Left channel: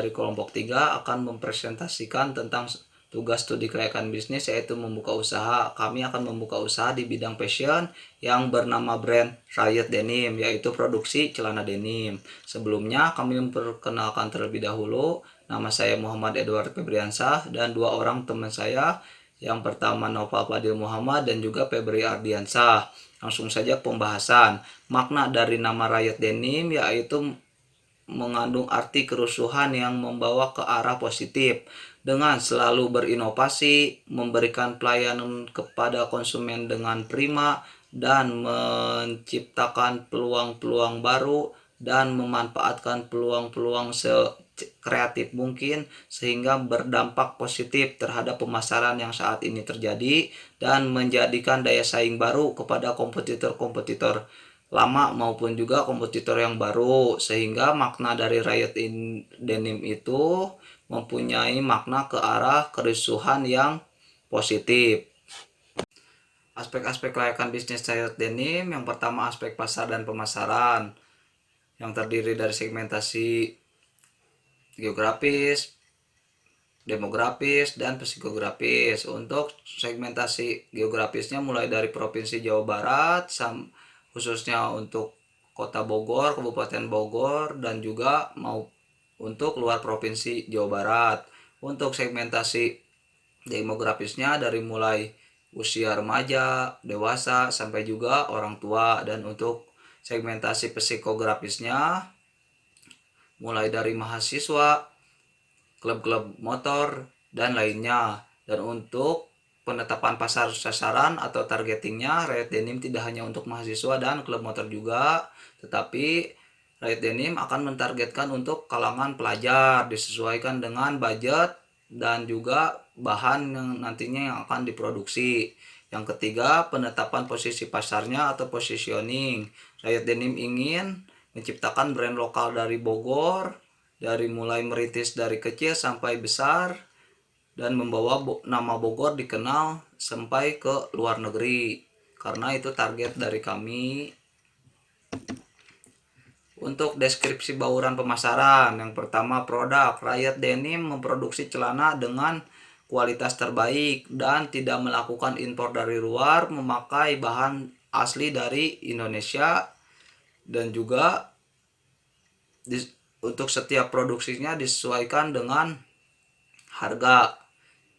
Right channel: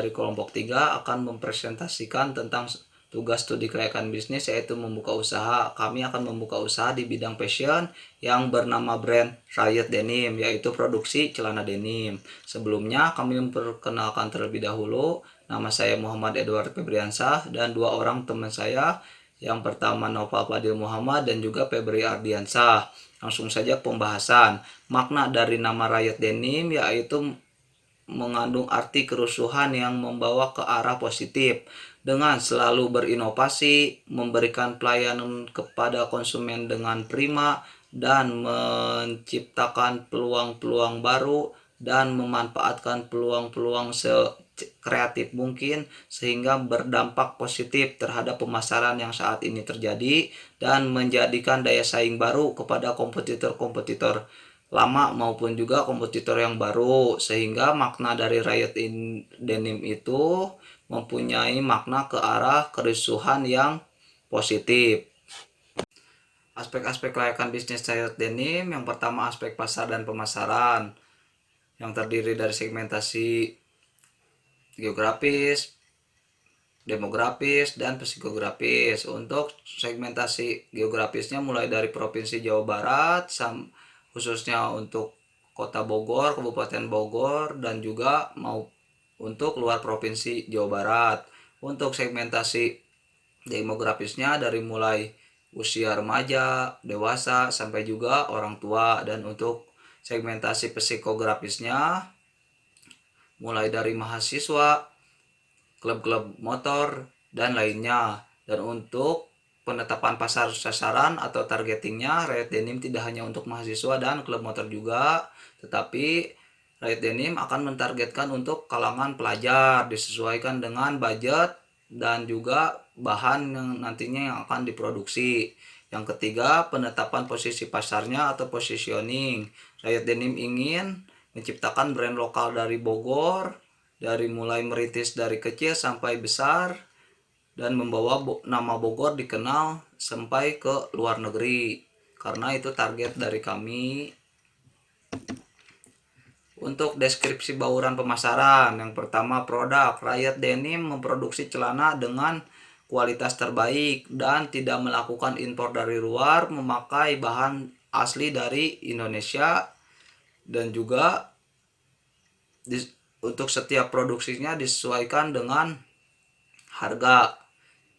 dari kelompok 3 akan mempresentasikan tentang tugas studi kelayakan bisnis, yaitu membuka usaha. Kami akan membuka usaha di bidang fashion yang bernama brand Riot Denim, yaitu produksi celana denim. Sebelumnya kami memperkenalkan terlebih dahulu. Nama saya Muhammad Edward Febriansah dan dua orang teman saya. Yang pertama Nova Fadil Muhammad dan juga Febri Ardiansah. Langsung saja pembahasan. Makna dari nama Riot Denim yaitu mengandung arti kerusuhan yang membawa ke arah positif dengan selalu berinovasi, memberikan pelayanan kepada konsumen dengan prima, dan menciptakan peluang-peluang baru dan memanfaatkan peluang-peluang sekreatif mungkin sehingga berdampak positif terhadap pemasaran yang saat ini terjadi dan menjadikan daya saing baru kepada kompetitor-kompetitor lama maupun juga kompetitor yang baru, sehingga makna dari Riot in Denim itu mempunyai makna ke arah kerusuhan yang positif. Aspek-aspek kelayakan bisnis Riot Denim, yang pertama aspek pasar dan pemasaran yang terdiri dari segmentasi geografis, demografis, dan psikografis. Untuk segmentasi geografisnya mulai dari Provinsi Jawa Barat khususnya untuk Kota Bogor, Kabupaten Bogor, dan juga mau untuk luar Provinsi Jawa Barat. Untuk segmentasi demografisnya dari mulai usia remaja, dewasa, sampai juga orang tua. Dan untuk segmentasi psikografisnya mulai dari mahasiswa, klub-klub motor, dan lainnya. Dan untuk penetapan pasar sasaran atau targetingnya, Riot Denim tidak hanya untuk mahasiswa dan klub motor juga, tetapi Riot Denim akan mentargetkan untuk kalangan pelajar, disesuaikan dengan budget dan juga bahan yang nantinya yang akan diproduksi. Yang ketiga, penetapan posisi pasarnya atau positioning. Riot Denim ingin menciptakan brand lokal dari Bogor, dari mulai merintis dari kecil sampai besar, dan membawa nama Bogor dikenal sampai ke luar negeri, karena itu target dari kami. Untuk deskripsi bauran pemasaran, yang pertama produk. Riot Denim memproduksi celana dengan kualitas terbaik dan tidak melakukan impor dari luar, memakai bahan asli dari Indonesia, dan juga untuk setiap produksinya disesuaikan dengan harga.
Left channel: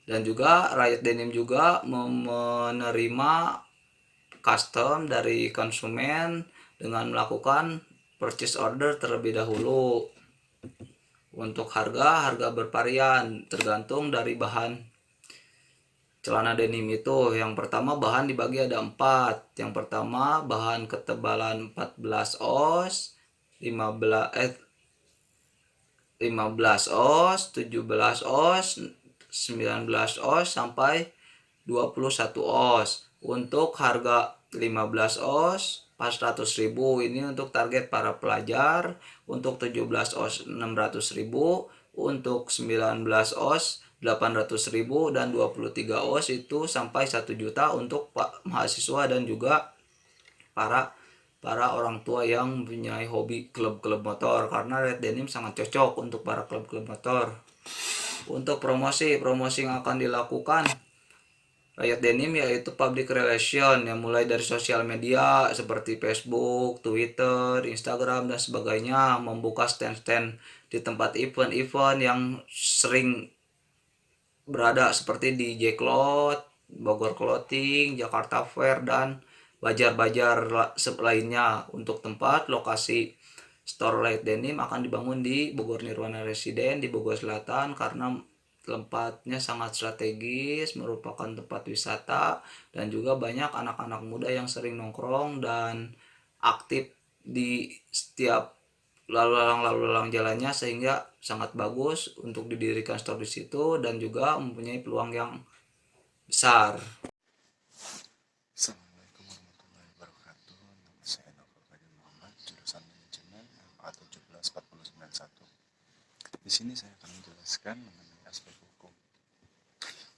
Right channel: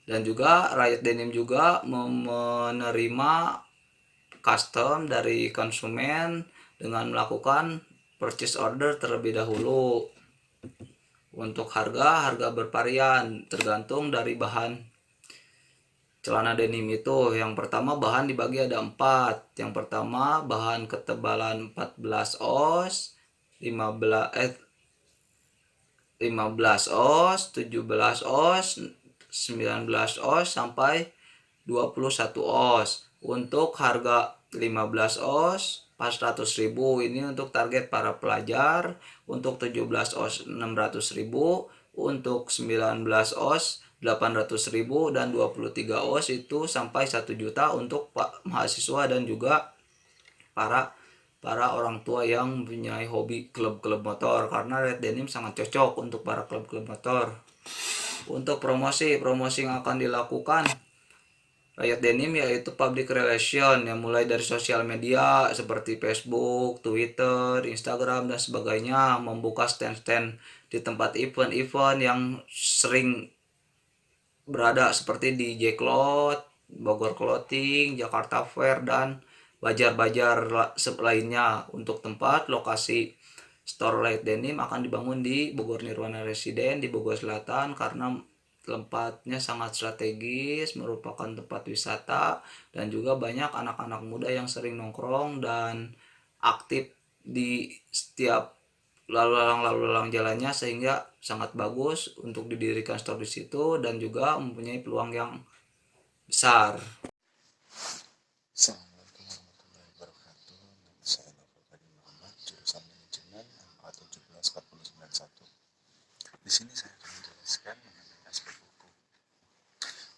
Dan juga Riot Denim juga menerima custom dari konsumen dengan melakukan purchase order terlebih dahulu. Untuk harga bervarian tergantung dari bahan celana denim itu. Yang pertama bahan dibagi ada 4. Yang pertama bahan ketebalan 14 oz, 15 oz, 17 oz, 19 oz sampai 21 oz. Untuk harga 15 oz 400.000, ini untuk target para pelajar. Untuk 17 oz 600.000, untuk 19 oz 800.000, dan 23 oz itu sampai 1 juta untuk mahasiswa dan juga para orang tua yang mempunyai hobi klub-klub motor, karena Riot Denim sangat cocok untuk para klub-klub motor. Untuk promosi yang akan dilakukan Riot Denim yaitu public relation, yang mulai dari sosial media seperti Facebook, Twitter, Instagram, dan sebagainya, membuka stand-stand di tempat event-event yang sering berada seperti di J-Cloth, Bogor Clothing, Jakarta Fair, dan bajar-bajar lainnya. Untuk tempat lokasi store Riot Denim akan dibangun di Bogor Nirwana Residen di Bogor Selatan, karena tempatnya sangat strategis, merupakan tempat wisata, dan juga banyak anak-anak muda yang sering nongkrong dan aktif di setiap lalu lalang jalannya, sehingga sangat bagus untuk didirikan store di situ dan juga mempunyai peluang yang besar. Assalamualaikum warahmatullahi wabarakatuh. Nama saya Nova Fadil Muhammad, jurusan manajemen MA 17491. Di sini saya akan menjelaskan mengenai aspek hukum.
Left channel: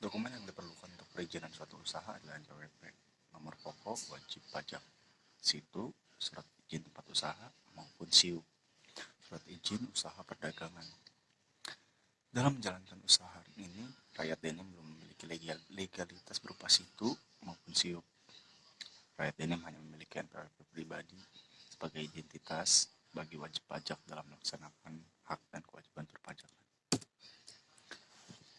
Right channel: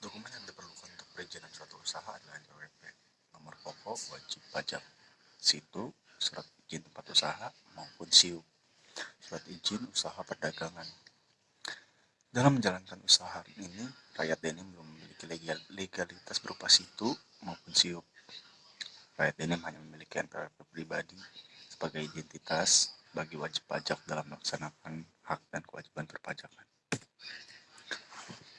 Dokumen yang diperlukan untuk perizinan suatu usaha adalah NPWP, nomor pokok wajib pajak, situ, surat izin tempat usaha maupun SIU, surat izin usaha perdagangan. Dalam menjalankan usaha ini, rakyat denim belum memiliki legalitas berupa situ maupun siup. Rakyat denim hanya memiliki NPWP pribadi sebagai identitas bagi wajib pajak dalam melaksanakan hak dan kewajiban perpajakan.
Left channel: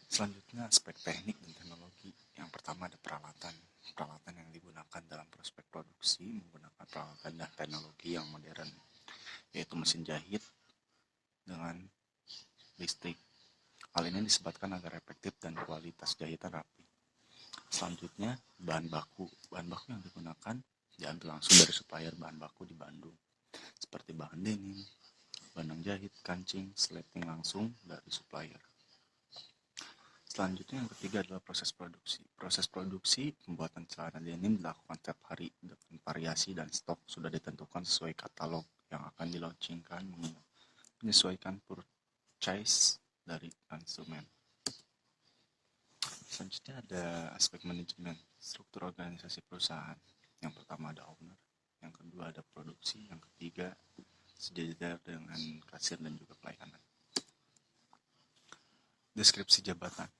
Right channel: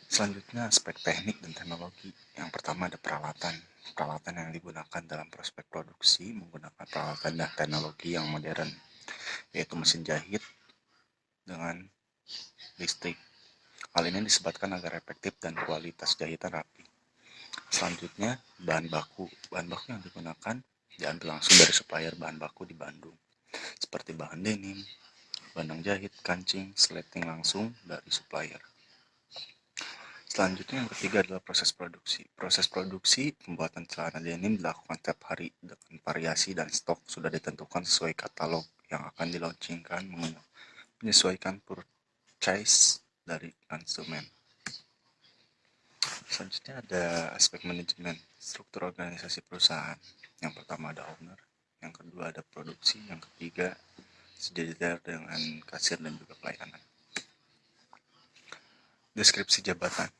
Selanjutnya, aspek teknik dan teknologi. Yang pertama ada peralatan. Peralatan yang digunakan dalam prospek produksi menggunakan peralatan dan teknologi yang modern, yaitu mesin jahit dengan listrik. Hal ini disebabkan agar efektif dan kualitas jahitan rapi. Selanjutnya, bahan baku. Bahan baku yang digunakan diambil langsung dari supplier bahan baku di Bandung, seperti bahan denim, benang jahit, kancing, sleting langsung dari supplier. Selanjutnya yang ketiga adalah proses produksi. Proses produksi pembuatan celana denim dilakukan setiap hari dengan variasi dan stok sudah ditentukan sesuai katalog yang akan dilaunchingkan menyesuaikan purchase dari konsumen. Selanjutnya ada aspek manajemen, struktur organisasi perusahaan. Yang pertama ada owner, yang kedua ada produksi, yang ketiga sejajar dengan kasir dan juga pelayanan. Deskripsi jabatan.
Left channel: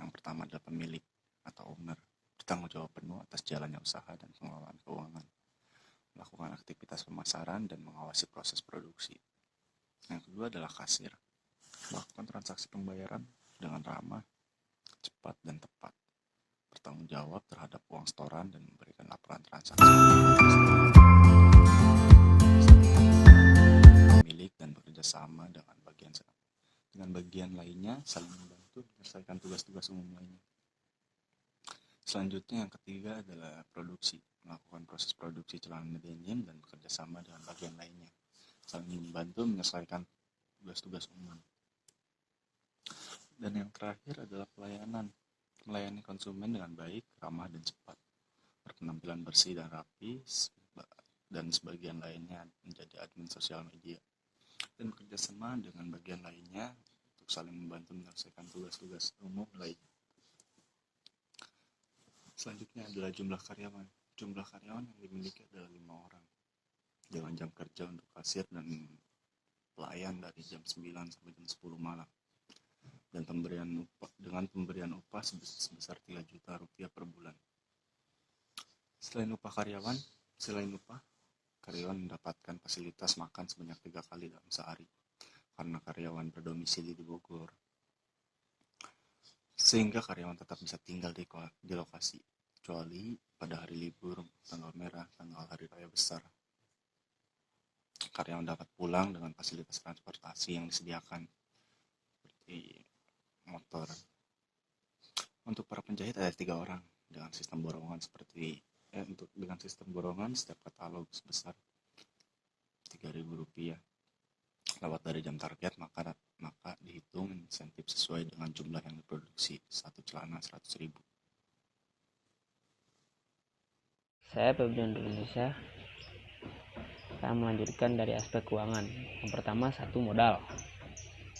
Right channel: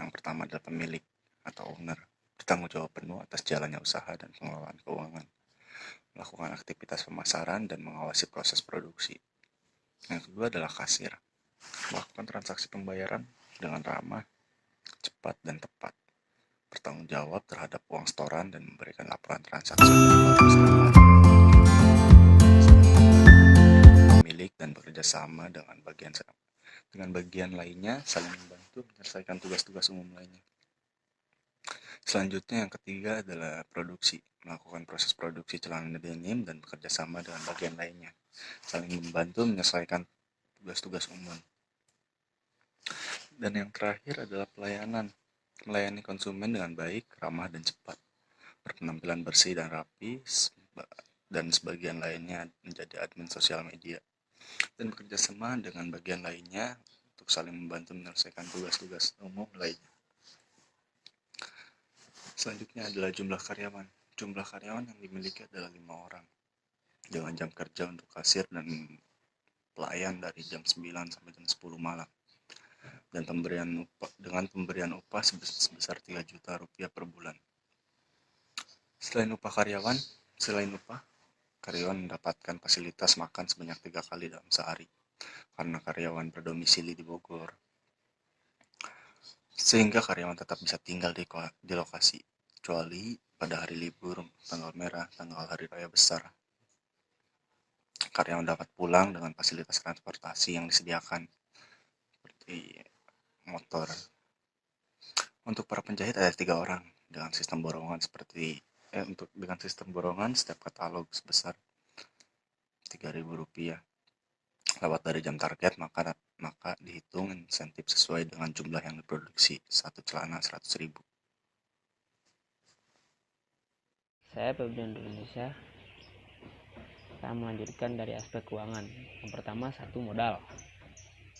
Yang pertama adalah pemilik atau owner, bertanggung jawab penuh atas jalannya usaha dan pengelolaan keuangan, melakukan aktivitas pemasaran dan mengawasi proses produksi. Yang kedua adalah kasir, melakukan transaksi pembayaran dengan ramah, cepat, dan tepat, bertanggung jawab terhadap uang setoran dan memberikan laporan transaksi pemilik dan bekerja sama dengan bagian lainnya, saling membantu menyelesaikan tugas-tugas umum lainnya. Selanjutnya yang ketiga adalah produksi, melakukan proses produksi celana denim dan bekerja sama dengan bagian lainnya, saling membantu menyelesaikan tugas-tugas umum. Dan yang terakhir adalah pelayanan, melayani konsumen dengan baik, ramah, dan cepat, berpenampilan bersih dan rapi, dan sebagian lainnya menjadi admin sosial media, dan bekerja sama dengan bagian lainnya untuk saling membantu menyelesaikan tugas-tugas umum lainnya. Selanjutnya adalah jumlah karyawan. Jumlah karyawan yang dimiliki adalah 5 orang, dengan jam kerja untuk kasir dan pelayan dari jam 9 sampai jam 10 malam, dan dengan pemberian upah sebesar 3 juta rupiah per bulan. Selain upah, karyawan mendapatkan fasilitas makan sebanyak 3 kali dalam sehari, karena karyawan berdomisili di Bogor, sehingga karyawan tetap bisa tinggal di lokasi, kecuali pada hari libur, tanggal merah, tanggal hari raya besar. Karyawan dapat pulang dengan fasilitas transportasi yang disediakan, seperti motor. Untuk para penjahit ada 3 orang dengan sistem borongan setiap katalog sebesar Rp3.000. Lewat dari jam target, maka dihitung insentif sesuai dengan jumlah yang diproduksi. Satu celana 100.000. Saya Febrian Indonesia. Saya melanjutkan dari aspek keuangan. Yang pertama, satu modal.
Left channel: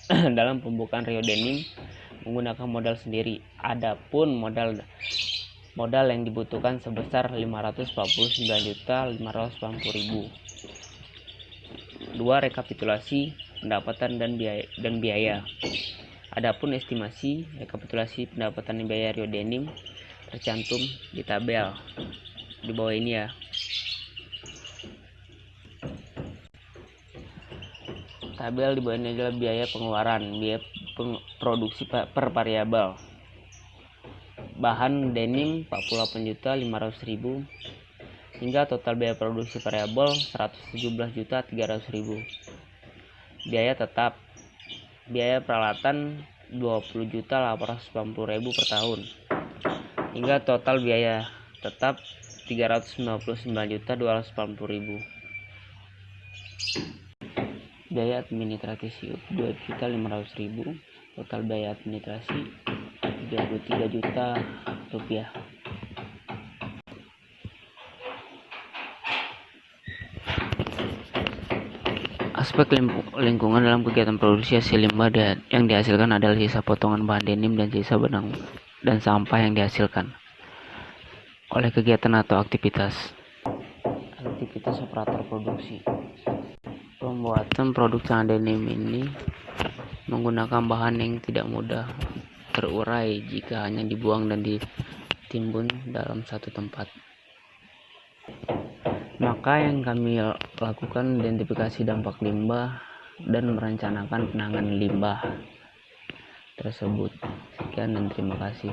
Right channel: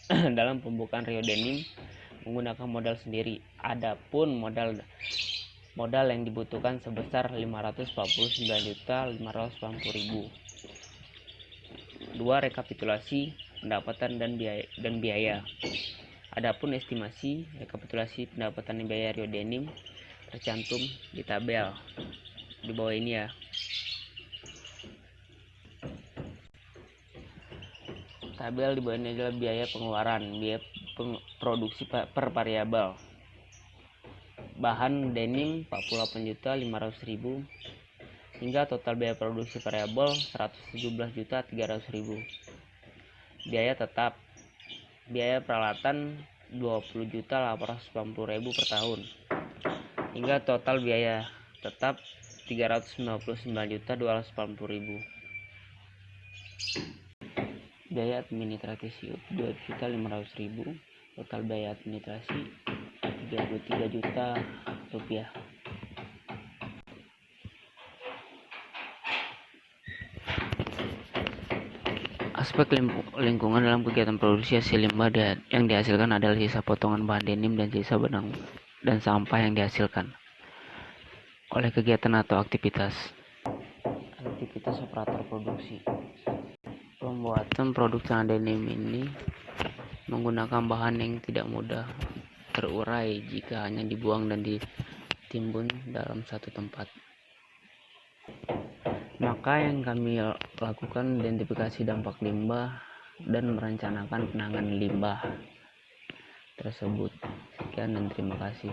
Dalam pembukaan Rio Denim menggunakan modal sendiri. Adapun modal yang dibutuhkan sebesar 549.580.000. 2. Rekapitulasi pendapatan dan biaya. Adapun estimasi rekapitulasi pendapatan dan biaya Rio Denim tercantum di tabel di bawah ini ya. Tabel di bawah ini adalah biaya pengeluaran, biaya produksi per variabel. Bahan denim 48.500.000 hingga total biaya produksi variabel 117.300.000. Biaya tetap, biaya peralatan 20.890.000 per tahun hingga total biaya tetap 399.280.000. Biaya administrasi 2.500.000, total biaya administrasi 33 juta rupiah. Aspek lingkungan dalam kegiatan produksi hasil limbah yang dihasilkan adalah sisa potongan bahan denim dan sisa benang dan sampah yang dihasilkan oleh kegiatan atau aktivitas operator produksi. Pembuatan produk celana denim ini menggunakan bahan yang tidak mudah terurai jika hanya dibuang dan ditimbun dalam satu tempat. Maka yang kami lakukan identifikasi dampak limbah dan merencanakan penanganan limbah tersebut. Sekian dan terima kasih.